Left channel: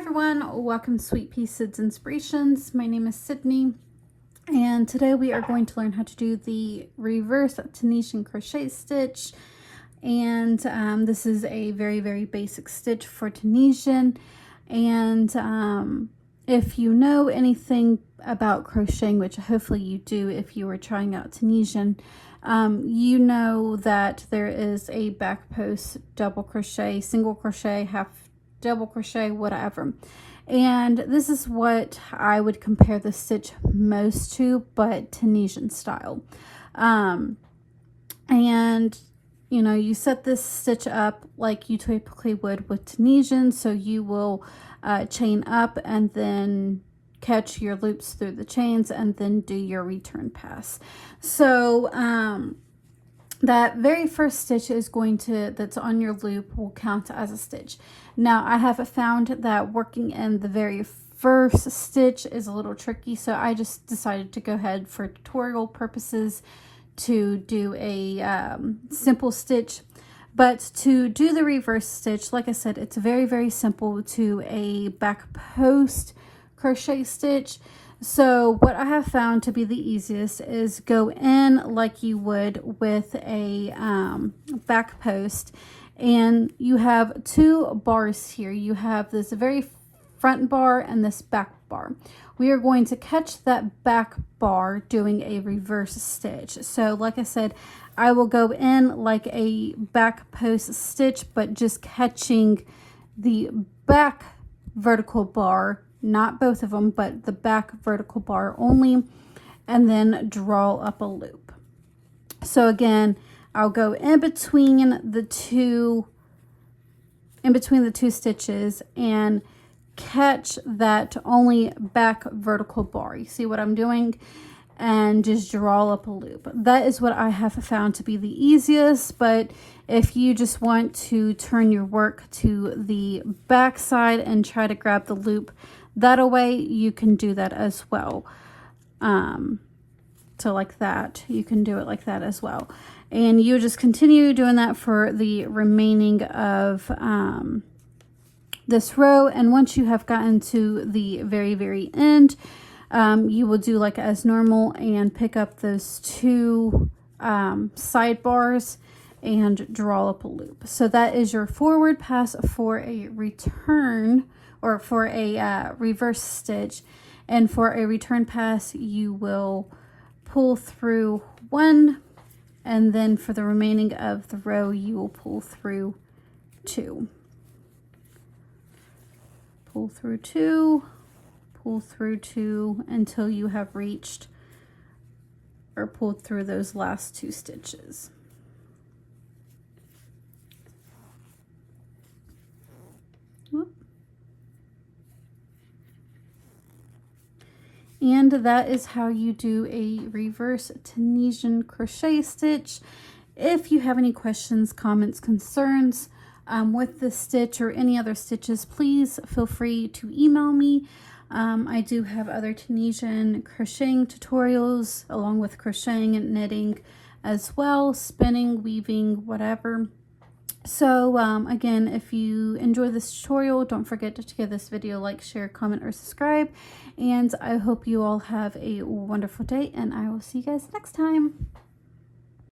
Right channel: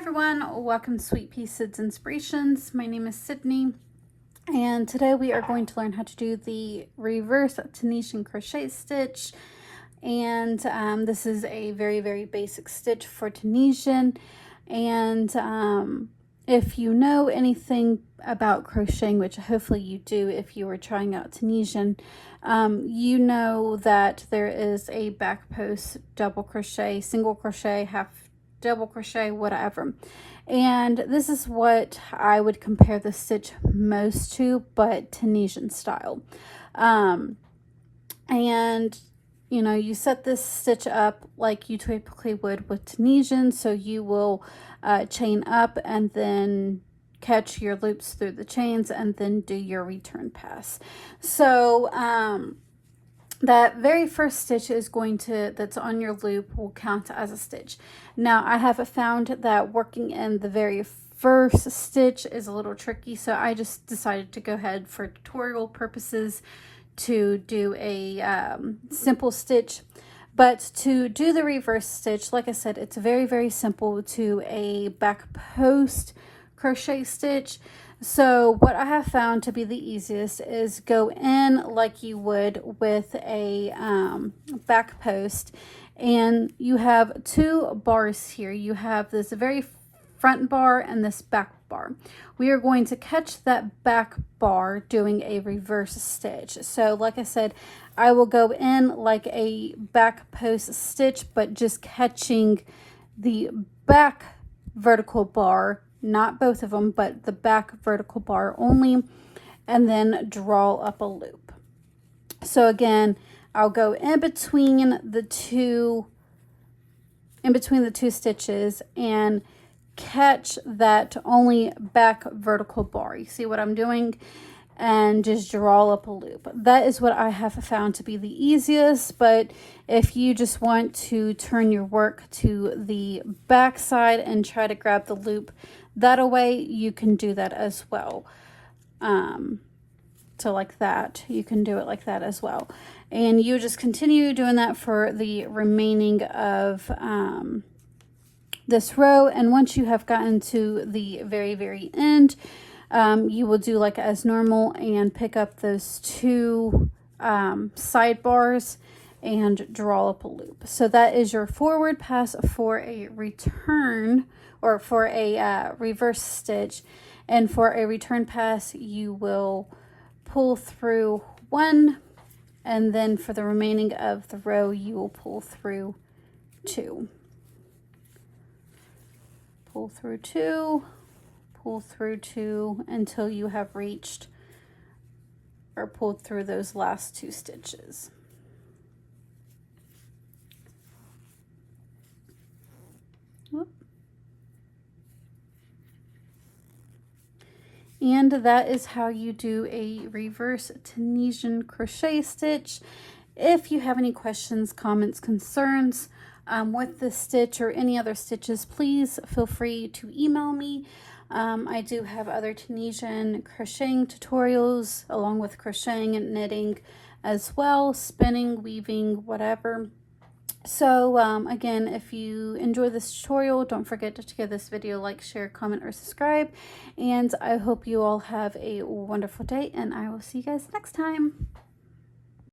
everyone, welcome to Sweet Pea Sid's Inspirations. My name is Sydney, and today we are going to learn how to do the reverse Tunisian crochet stitch. And this is a very basic stitch for Tunisian. And if you know anything about crocheting, which hopefully you do if you were trying out Tunisian, you know that there is a back post double crochet, single crochet, half double crochet, whatever. And this is what I would compare the stitch most to, but Tunisian style. And you know, you set this stitch up like you typically would with Tunisian. So you will chain up and then catch your loops through the chains and then do your return pass. So that very first stitch is going to, that's on your loop, will count as a stitch. Now I have found that working in the very first stitch is a little tricky, so I just decided to go ahead for tutorial purposes to do a simple stitch. But to do the reverse stitch, like I said, it's very simple to a back post crochet stitch. So what I have found to be the easiest is go in like you would with a back post, and you have two bars here. You have this very front bar and this back bar. We are going to catch that back bar doing a reverse stitch. So like I said, I will go in like a back post stitch, but just catching the back vertical bar, not both of them, but the back vertical bar only, and then draw up a loop. So again, I'll go in between the two stitches and catch that only back vertical bar. You see what I'm doing? And just draw up a loop. That is what I have found to be the easiest, but if you just want to turn your work to the back side and try to grab the loop that way, you can do that as well. So like that, you can do it like that as well. And you just continue doing that for the remaining of this row. And once you have gotten to the very end, you will do like as normal and pick up those two sidebars and draw up a loop. So that is your forward pass for a return, or for a reverse stitch. And for a return pass, you will pull through one, and then for the remaining of the row, you will pull through two. Pull through two, pull through two until you have reached or pulled through those last two stitches. Whoop. And that is how you do a reverse Tunisian crochet stitch. If you have any questions, comments, concerns with this stitch or any other stitches, please feel free to email me. I do have other Tunisian crocheting tutorials along with crocheting and knitting as well, spinning, weaving, whatever. So again, if you enjoy this tutorial, don't forget to give this video a like, share, comment, or subscribe. And I hope you all have a wonderful day, and I will see you guys next time.